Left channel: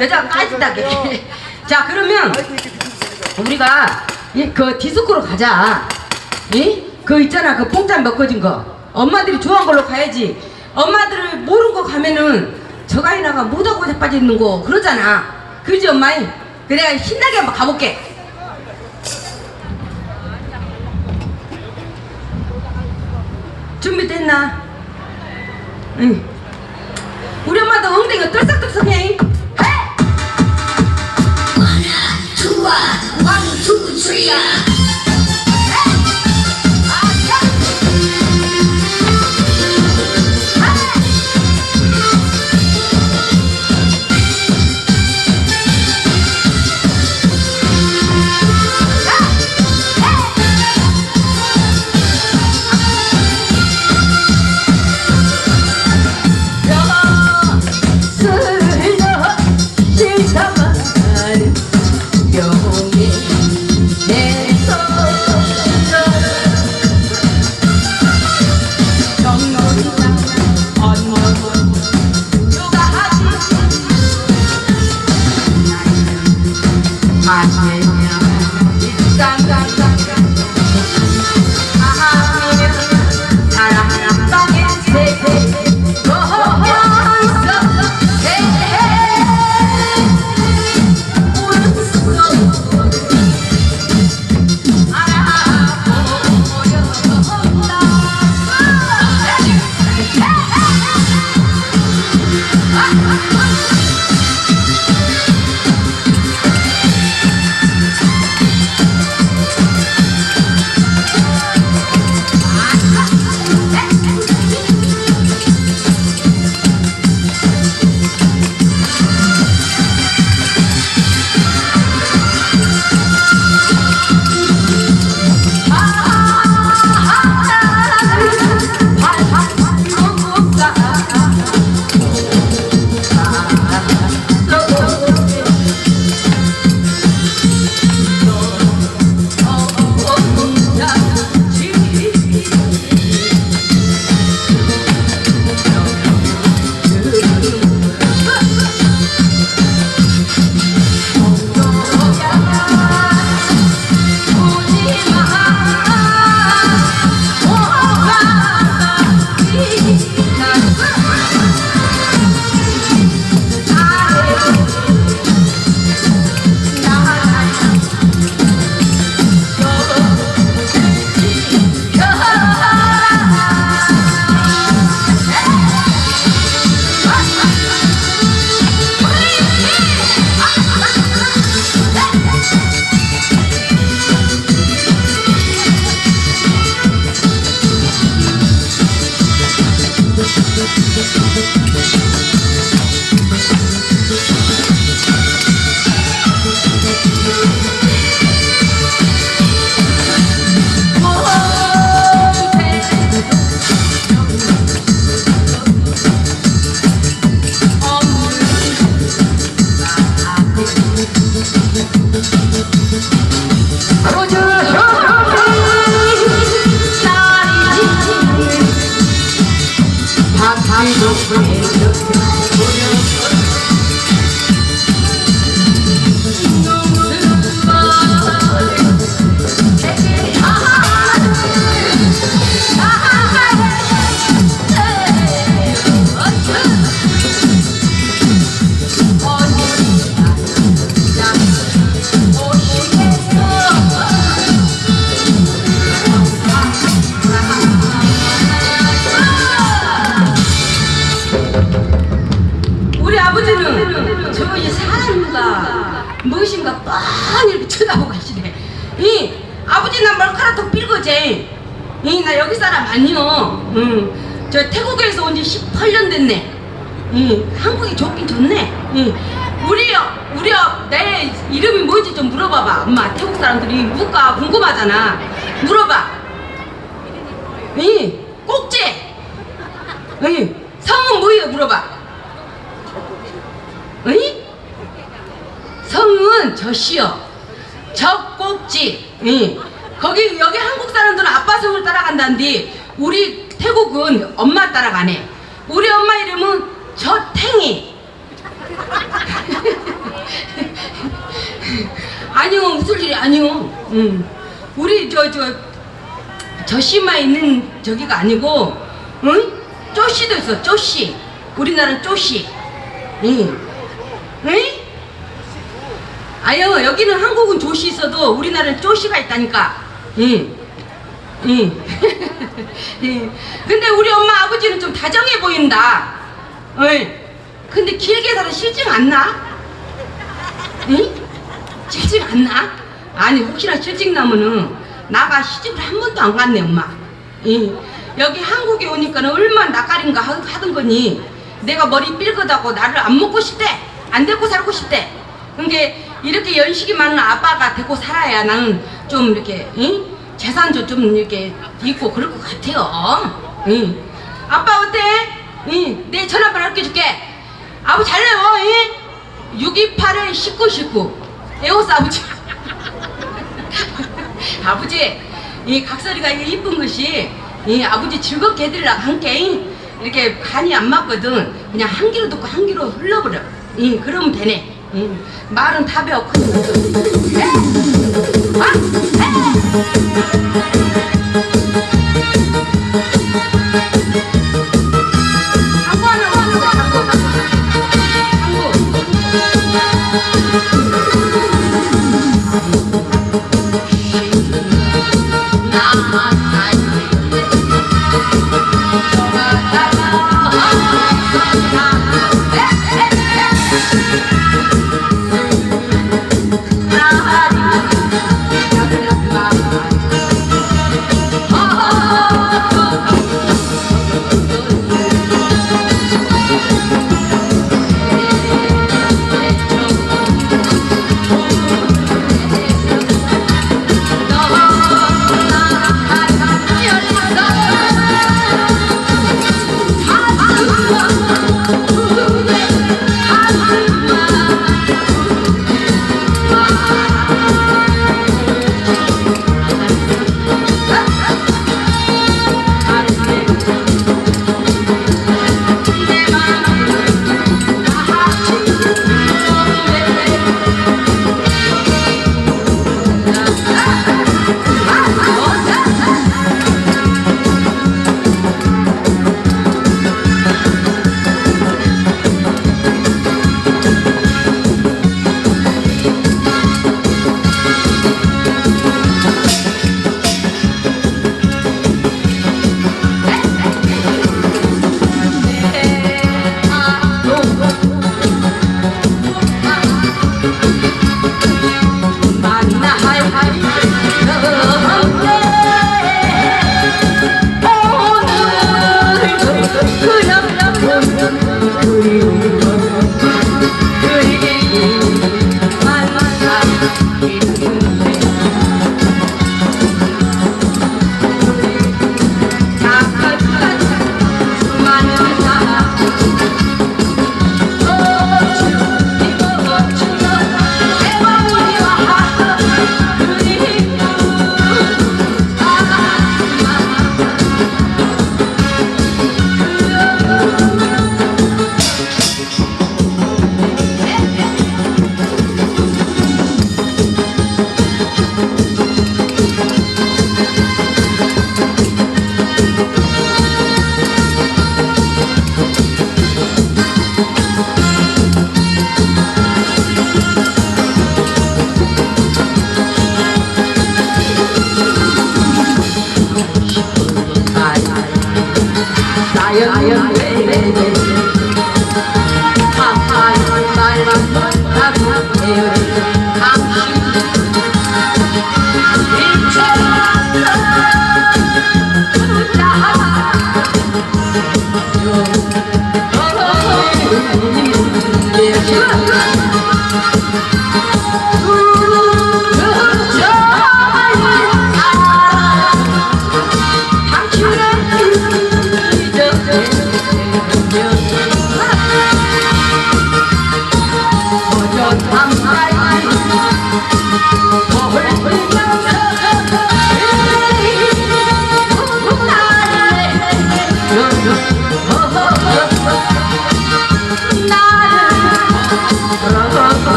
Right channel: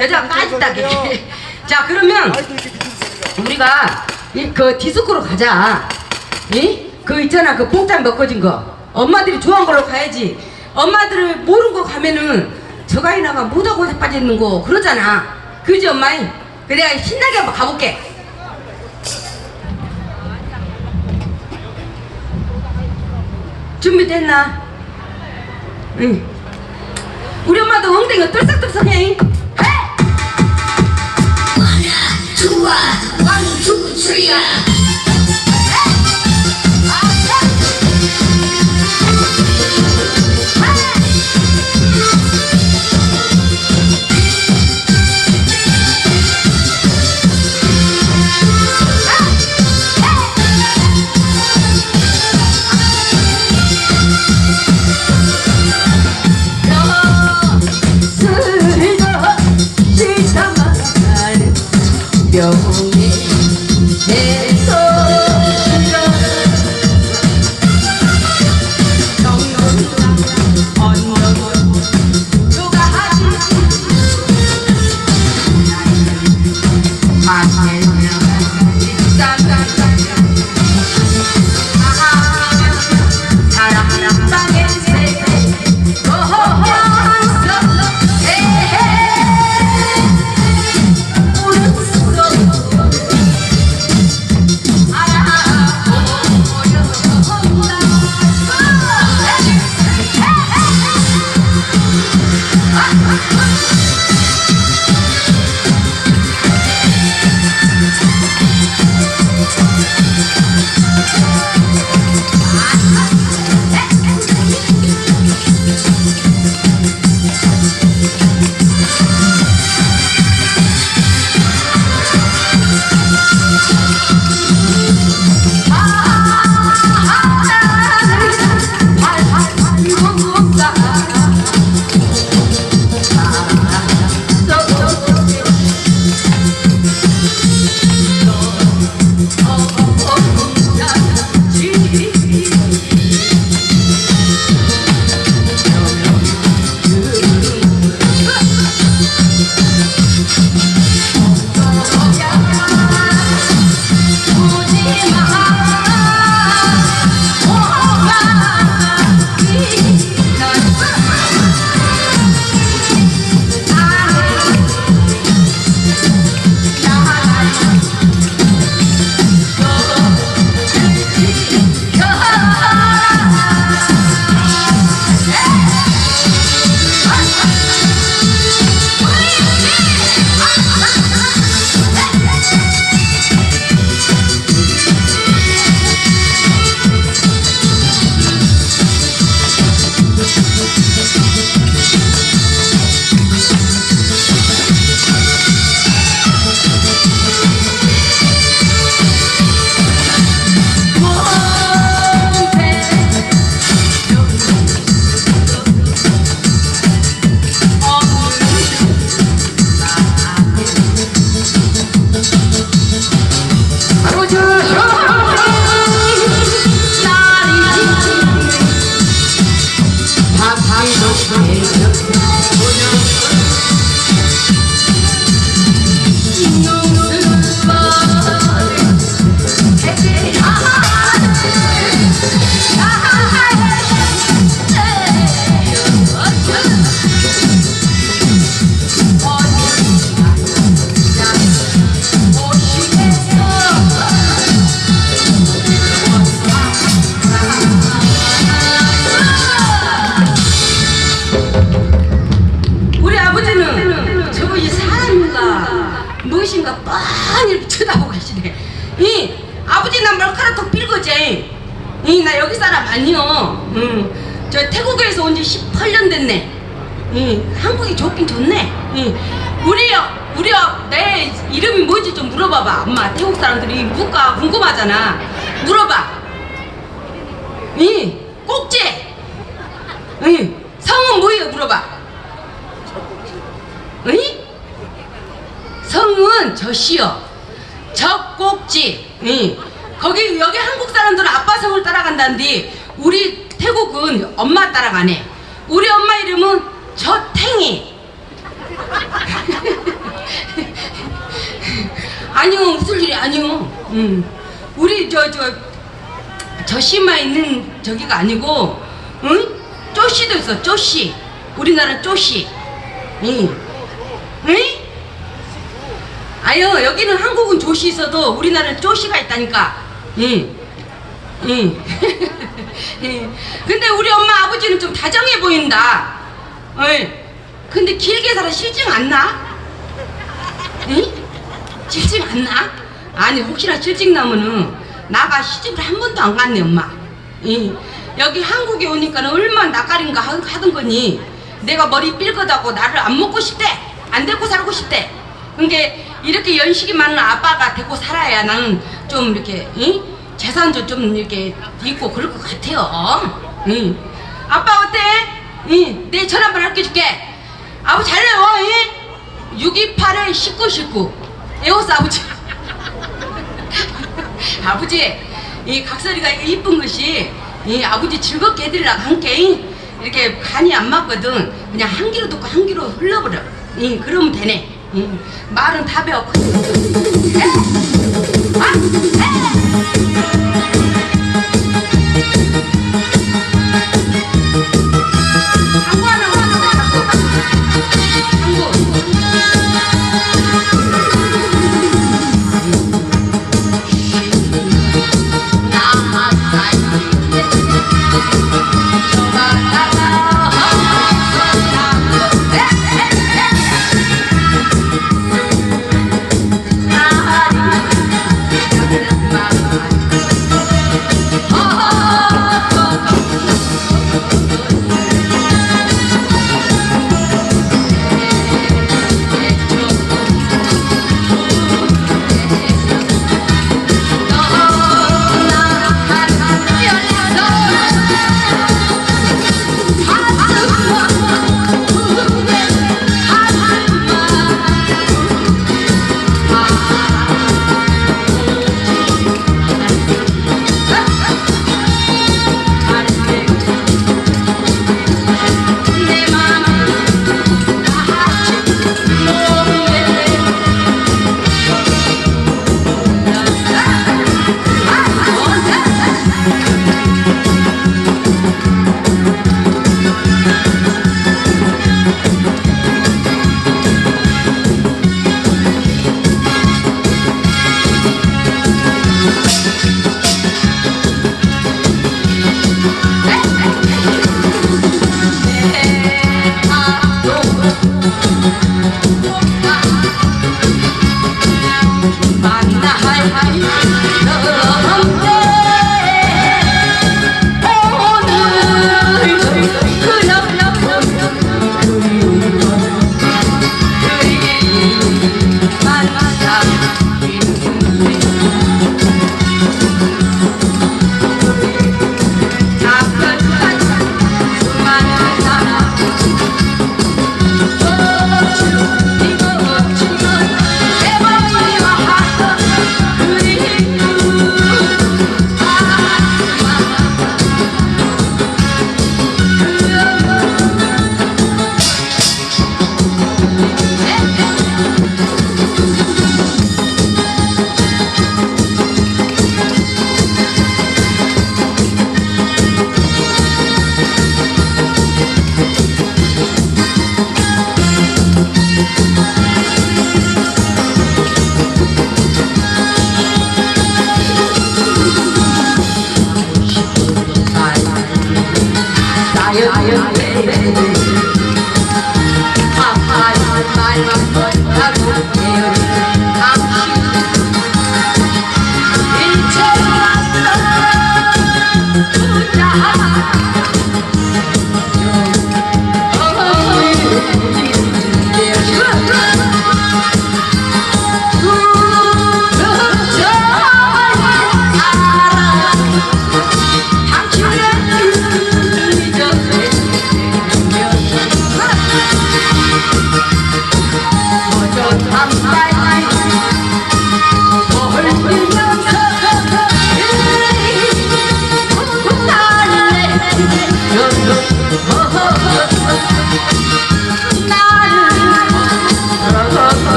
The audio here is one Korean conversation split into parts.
여자가 빠지다게. 자, 그러면 우리가 이, 그 디스코로 가자. 이? 그 있잖아, 그 뽕짝 먹거진 거. 엄마들이 좋아하는 걸로 가야지. 엄마들을 모르는 거 가면은 저가이나가 못하고 자빠지는 거 그러잖아. 그지 엄마이? 그래 신나게 한번 가볼게. 준비됐나? 응. 우리 엄마도 엉덩이가 떨싹떨싹해. too wide. Follow to 아니요. 응. 저 태국에서 온 지 18년 됐네. 이, 한국이 좋긴 좋네. 이, 우리, 우리, 내 이름이 뭔지 좀 물어봐봐. 엄마, 태국 사람들이 물가 궁금하잖아. 물어봐. 이, 꼭지. 이, 성은 뭐예요? 물어봐. 이? 성은 저시요. 적꼭지. 이. 거기 여기 한국 사람들은 아빠 성을 따라간다는데 우리 태국은 엄마 따라 가네. 우리 엄마 이름은 저탱이. 아니요 웃을 일이 아니요. 음. 우리 저 저 저씨마 있는 저기가 아니고, 응? 쪼씨도 있어. 쪼씨. 우리나라 쪼씨. 응. 응? 아유 여기는 한국은 조시 있어도 우리나라는 쪼시가 있다니까. 예. 예. 예. 근데 우리 엄마 아버지는 좀 다정해 보인다. 예. 근데 길게 살아 실증 안 나? 예? 실증 안 나? 아니 혹시나 실증 나면은 나가 시집을 한 번도 안 갔네 엄마. 예. 여기 한국에 오니까 는 얼마나 낯가린가 하- 하던 거니 내가 머리 삘거다고 나를 안 먹고 싶대 안 데리고 살고 싶대 그러니까 이렇게 연식이 많은 아빠가 데리고 살아야 나는 좀 이렇게 예? 재산도 좀 이렇게 있고 그럴 것 같아요 예. 아빠 어때? 예. 내 전화번호 알려줄게 아버지 잘해요 예? 628에 1919 에오스 아버지 아버지 이 각설이가 이쁜 것이 이 아버지 즐겁게 해드리라고 함께 이렇게 간이 안 맞거든 그냥 한 귀로 듣고 한 귀로 흘러버려 이 그러면 되네 이, 말은 다 배웠고 에? 아? 에?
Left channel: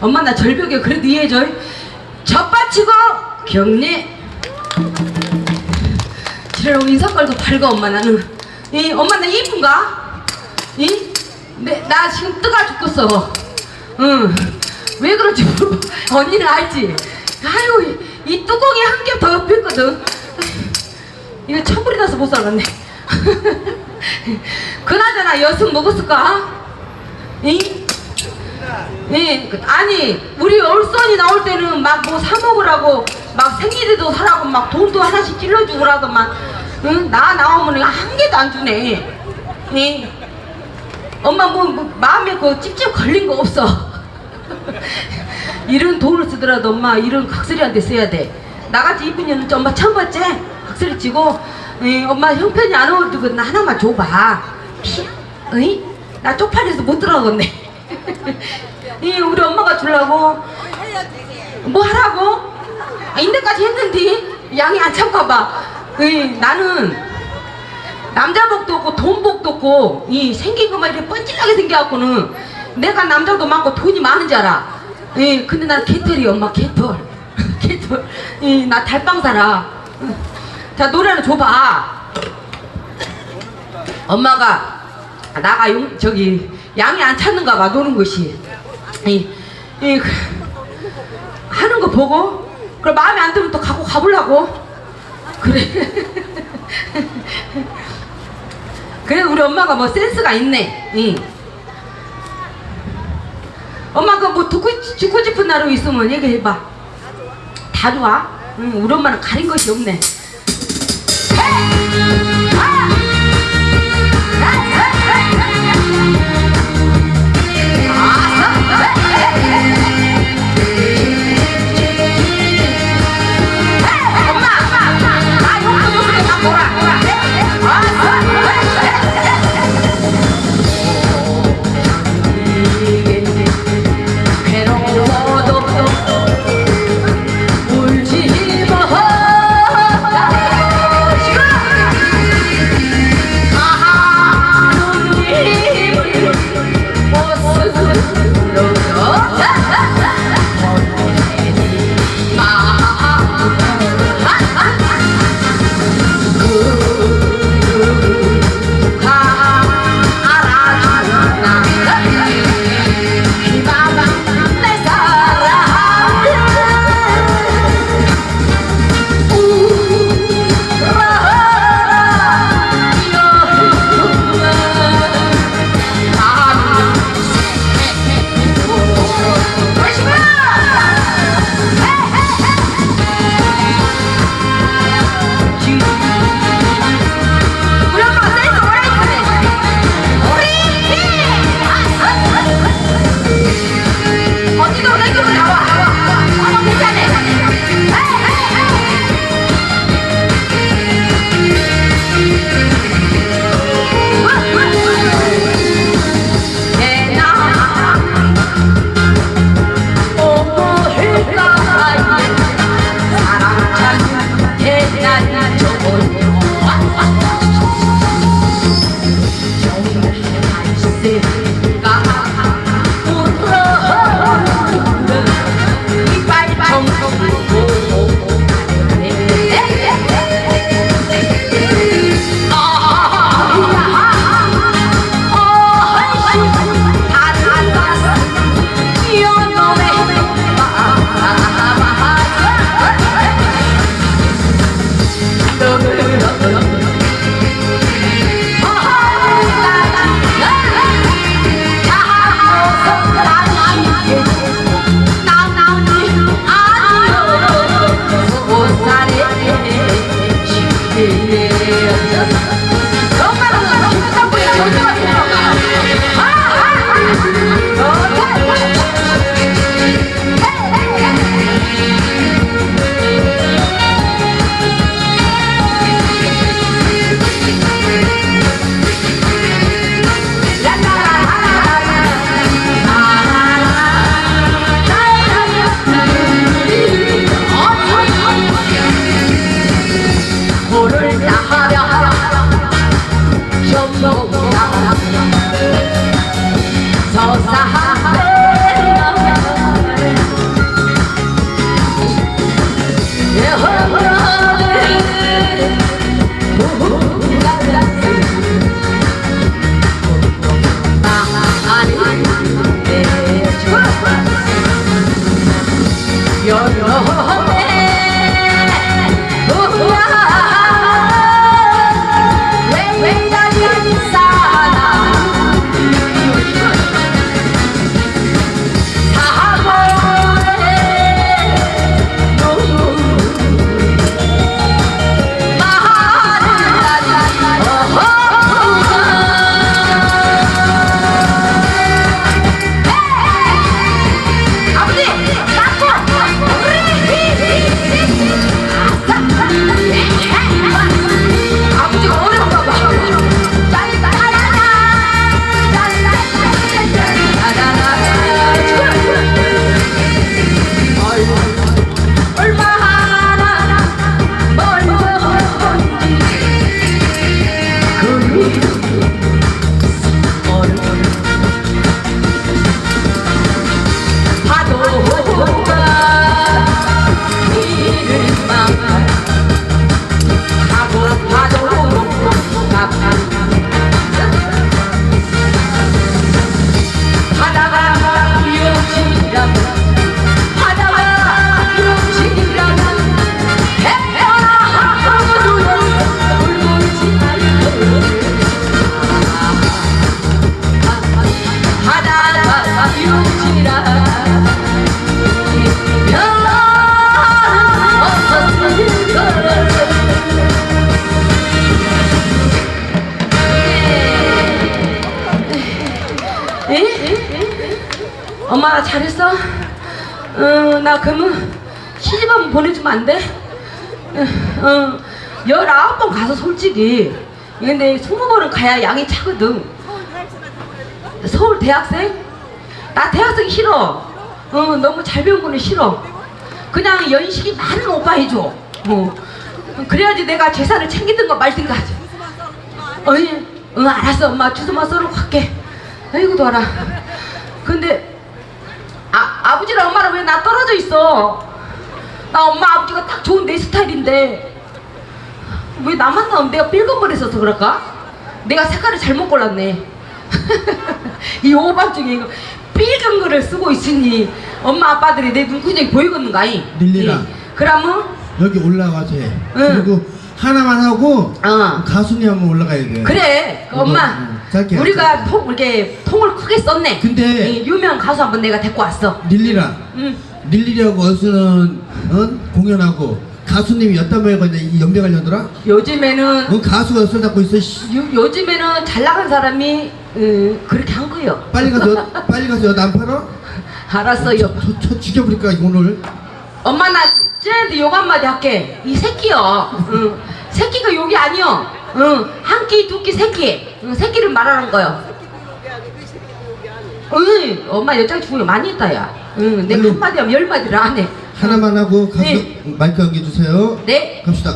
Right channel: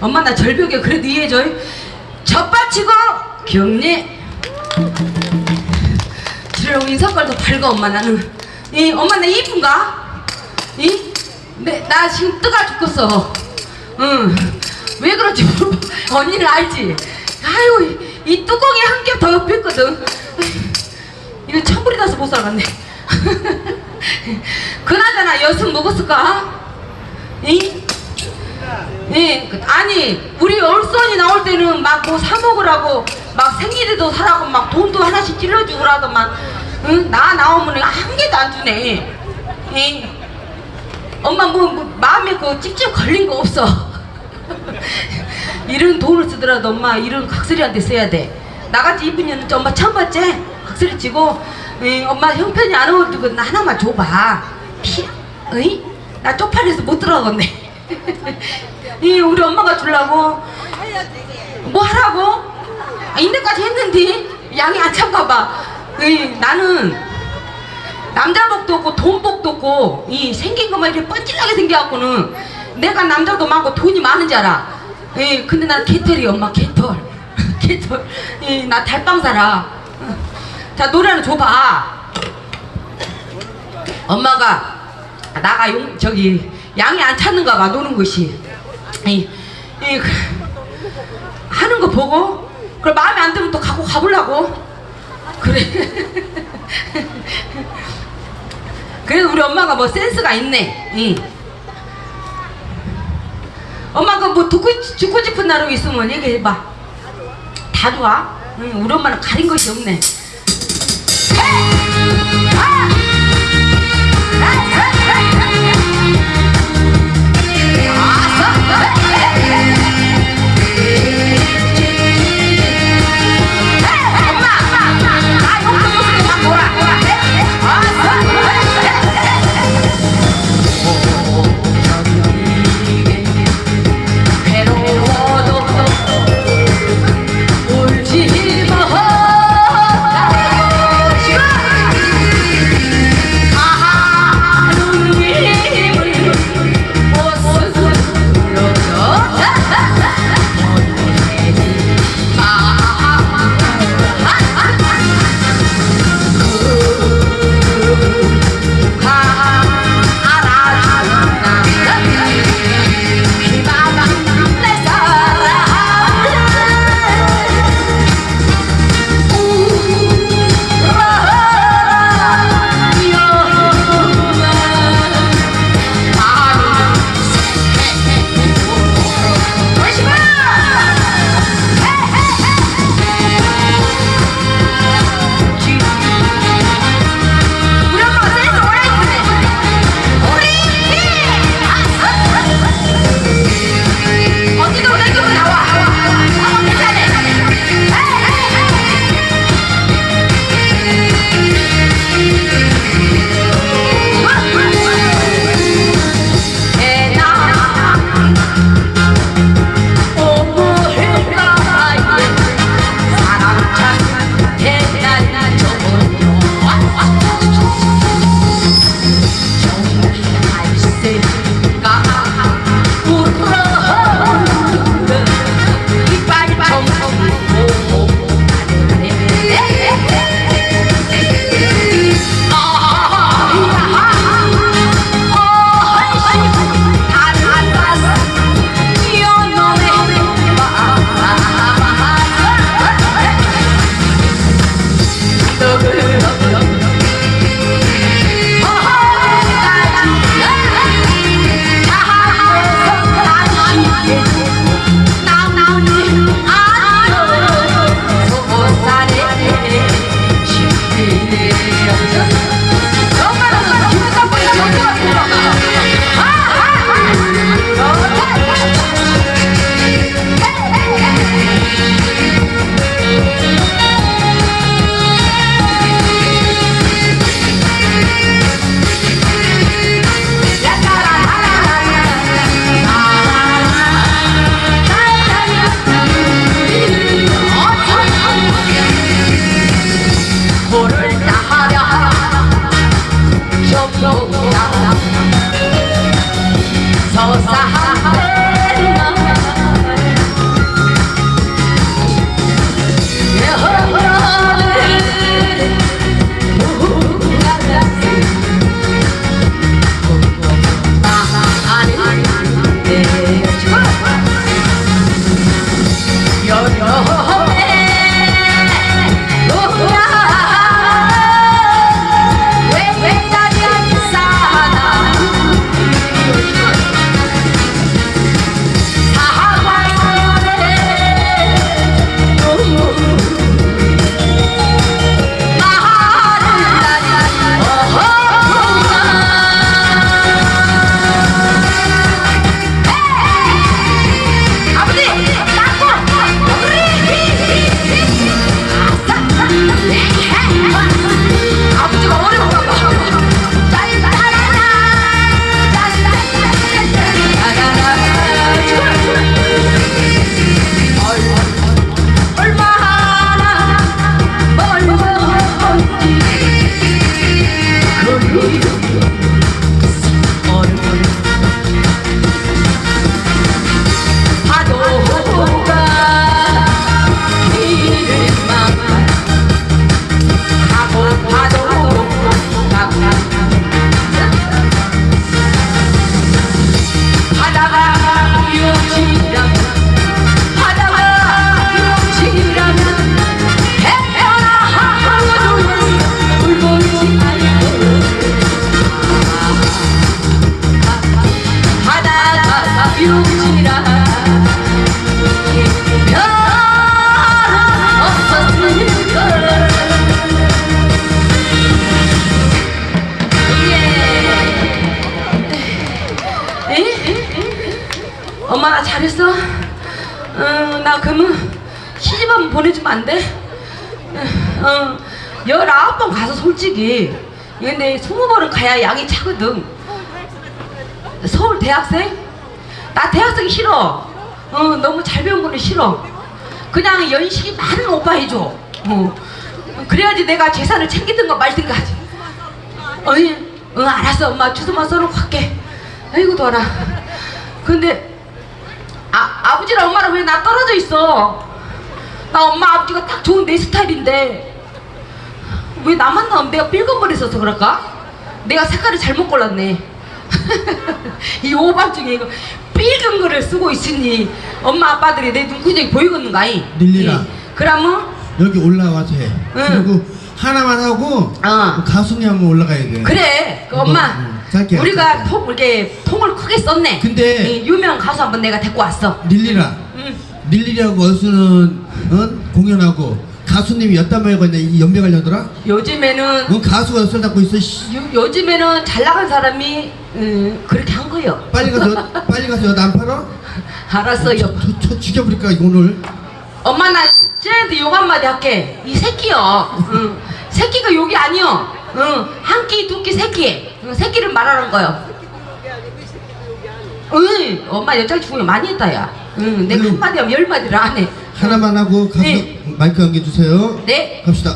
엄마 나 절벽에 그래도 이해해줘 젖받치고 경례 저런 인사깔도 밝아 엄마 나는 이 엄마 나 이쁜가? 이? 내, 나 지금 뜨가 죽겠어 응왜 그런지 모르 언니는 알지? 아유 이, 이 뚜껑이 한 개 더 옆에 있거든 이거 천불이 나서 못 살았네 그나저나 여승 먹었을까? 이? 예, 아니 우리 얼선이 나올 때는 막 뭐 사 먹으라고 막 생일에도 사라고 막 돈도 하나씩 찔러주고라도 막 응? 나 나오면 한 개도 안 주네 예. 엄마 뭐, 뭐 마음에 그 찝찝 걸린 거 없어 이런 돈을 쓰더라도 엄마 이런 각설이한테 써야 돼 나같이 이쁜 년은 엄마 처음 봤지? 각설이 치고 예, 엄마 형편이 안 어울리고 나 하나만 줘봐 피, 어이? 나 쪽팔려서 못 들어가겠네 이 우리 엄마가 주려고 뭐 하라고? 아, 인데까지 했는데 양이 안 찬가 봐. 이 나는 남자복도 없고 돈복도 없고 이 생긴 것만 이렇게 뻔질하게 생겨갖고는 내가 남자도 많고 돈이 많은 줄 알아. 예, 근데 난 개털이 엄마 개털. 개털. 예, 나 달빵 살아. 자 노래는 줘봐. 엄마가 나가 용, 저기 양이 안 찼는가 봐 노는 것이 이, 이, 그, 하는 거 보고 그래 마음에 안 들면 또 갖고 가보려고. 그래. 그래 우리 엄마가 뭐 센스가 있네. 이. 엄마가 뭐 듣고 듣고 싶은 나로 있으면 얘기해봐. 다 좋아. 응, 우리 엄마는 가린 것이 없네 예. 예? 엄마 나 잘했어? 어, 나 그러면 시집 보내주면 안 돼? 어, 어. 19번 가서 솔직히 근데 20번은 가야 양이 차거든 서울 대학생? 나 대학생 싫어. 어, 너무 잘 배운 거는 싫어. 그냥 연식이 많은 오빠 해줘. 어. 그래야지 내가 재산을 챙기든가 말든가 하지. 어이, 응 알았어 엄마. 주소만 써놓고 갈게. 아이고 더라. 근데 아, 아버지랑 엄마랑 왜 나 떨어져 있어? 나 엄마 아버지가 딱 좋은 내 스타일인데. 왜 나만 나오면 내가 삘건거려서 그럴까? 내가 색깔을 잘못 골랐네. 이 오밤중에 이거 삘금 거를 쓰고 있으니 엄마 아빠들이 내 눈구녕이 보이겠는가이 늘리라. 예. 그러면 여기 올라가서 해. 그리고 하나만 하고 어. 가순이 한번 올라가야 돼. 그래 이거, 엄마 응, 짧게 우리가. 통 이렇게 통을 크게 썼네 근데- 예, 유명 가수 한번 내가 데리고 왔어 닐리라. 응. 닐리라고 어수는 응? 공연하고 가수님이 몇단 모여가냐 이 연배 관련더라? 요즘에는 응 가수가 어술 잡고 있어. 씨. 요, 요즘에는 잘 나간 사람이 음, 그렇게 한 거요. 빨리 가서 빨리 가서 안 팔아? 알았어요. 저, 저 죽여버릴까 이거 오늘. 엄마 나 쟤한테 욕 한마디 할게. 이 새끼요. 응. 새끼가 욕이 아니요. 응. 한 끼, 두 끼, 세 끼. 응, 새끼를 말하는 거요. 응. 엄마 여자 중에 많이 했다 야. 응. 내가 응. 한마디 하면 열 마디를 안 해. 하나만 하고 가수 네. 마이크 한개 주세요. 네. 갑시다.